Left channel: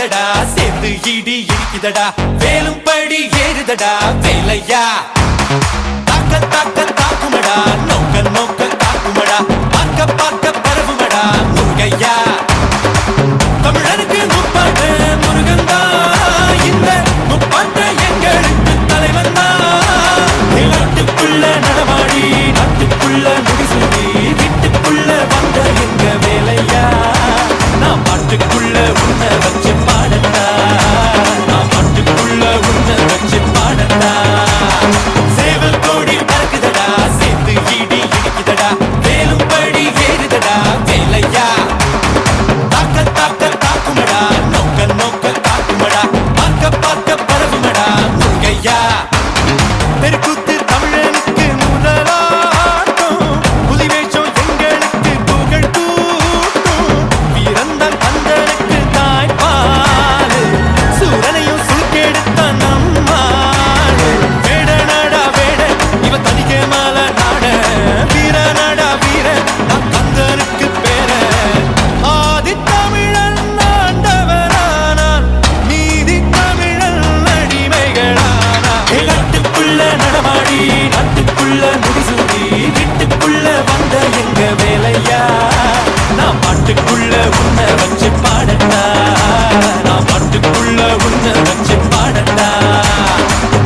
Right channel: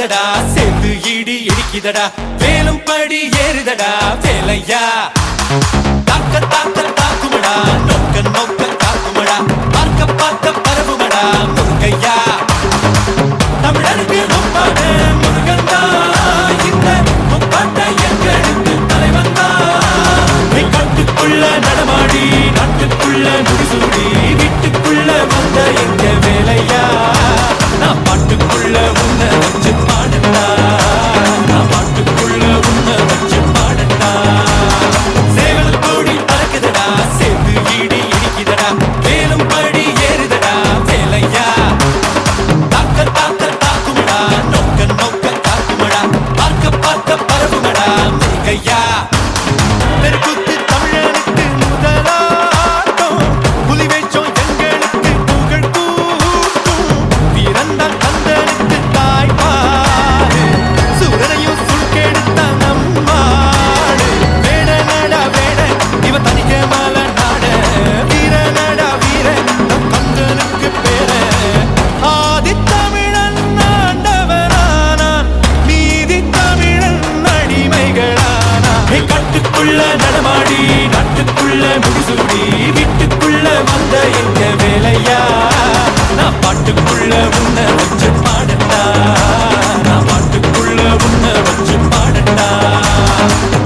பறக்குதடா சேர்த்து இடி இடிக்குதடா வேலும் படி ஏறுதடா வேலையா தாக்க தாக்க தாக்குமடா நோக்க நோக்க தாக்குமடா பார்க்க பார்க்க பரவுமடா முருகையா தமிழருக்கு முப்பாட்ட முருகந்தா இந்த முப்பாட்ட எங்களுக்கு தலைவன் தான் நாட்டுக்குள்ள நடமாடி நாட்டுக்குள்ள முடிசூடி வீட்டுக்குள்ள வந்த எங்க வேலையா நான் பாட்டுக்குள்ள உன்னை வச்சு பாடண்டா நான் பாட்டுக்குள்ள உன்னை வச்சு பாடண்டா சேவல் கோடி பறக்குதடா சேர்த்து ஈடி இடிக்குதடா வேலும் படி ஏறுதடா வேலையா தாக்க தாக்க தாக்குமடா நோக்க நோக்க தாக்குமடா பார்க்க பார்க்க பரவுமடா முருகையா தெருக்கூத்து தமிழனுக்கு முதலாட்டம் புலிவேஷம் எங்களுக்கு புகழ் கூட்டும் வீரந்தான் கந்தனுக்கு தாய்ப்பாடு சூரனையும் சுருக்கெடுத்த நம்மாடு வேட நாடா வேட இவ தனிக்க மால நாட வீர நாடா வீர நம் கந்தனுக்கு பேர ஆதி தமிழன் ஆண்டவரானான் நீதி தமிழன் அடிமைகளானா நாட்டுக்குள்ள நடமாடி நாட்டுக்குள்ள முடிசூடி வீட்டுக்குள்ள வந்த எங்க வேலையா நான் பாட்டுக்குள்ள உன்னை வச்சு பாடண்டா நான் பாட்டுக்குள்ள உன்னை வச்சு பாடண்டா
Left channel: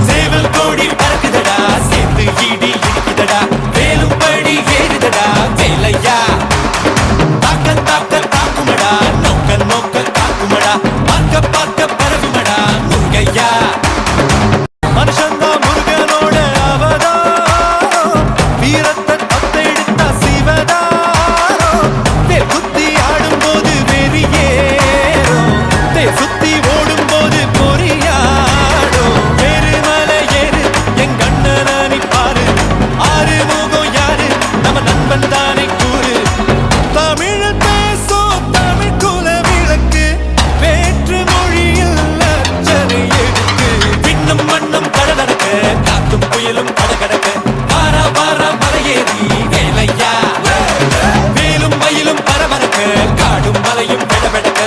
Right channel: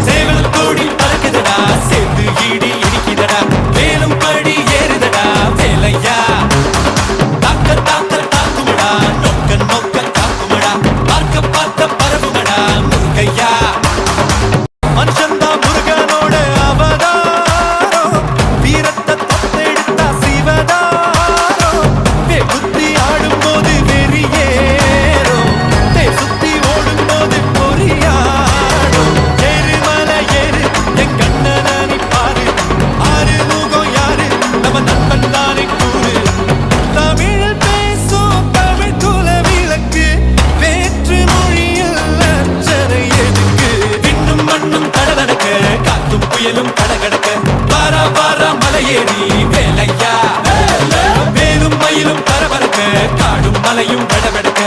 சேவல் கோடி பறக்குதடா சேர்த்து ஈடி இடிக்குதடா வேலும் படி ஏறுதடா வேலையா தாக்க தாக்க தாக்குமடா நோக்க நோக்க தாக்குமடா பார்க்க பார்க்க பரவுமடா முருகையா மனுஷன்தான் முருகனோட அவதாரம் வீரத்தை தத்தெடுத்த சிவதாரம் புத்தி ஆடும்போது வெறியேறும் சுத்தி ஓடும்போது பொறியாடும் எருமலை ஏறு என் கண்ணனானி பாரு ஆறு முகம் யாரு நம்ம நண்பன் தானே கூறு தமிழ் பேசும் தமிழ் குல விளக்கு வேற்று மொழியில் அச்சனை எதுக்கு விண்ணும் மண்ணும் கடகடக்க காத்தும் புயலும் கடகடக்க வாரா வாரா மலையேறி வேலையா வேலும் மயிலும் பரபரக்க காடும் மலையும் கடவடக்க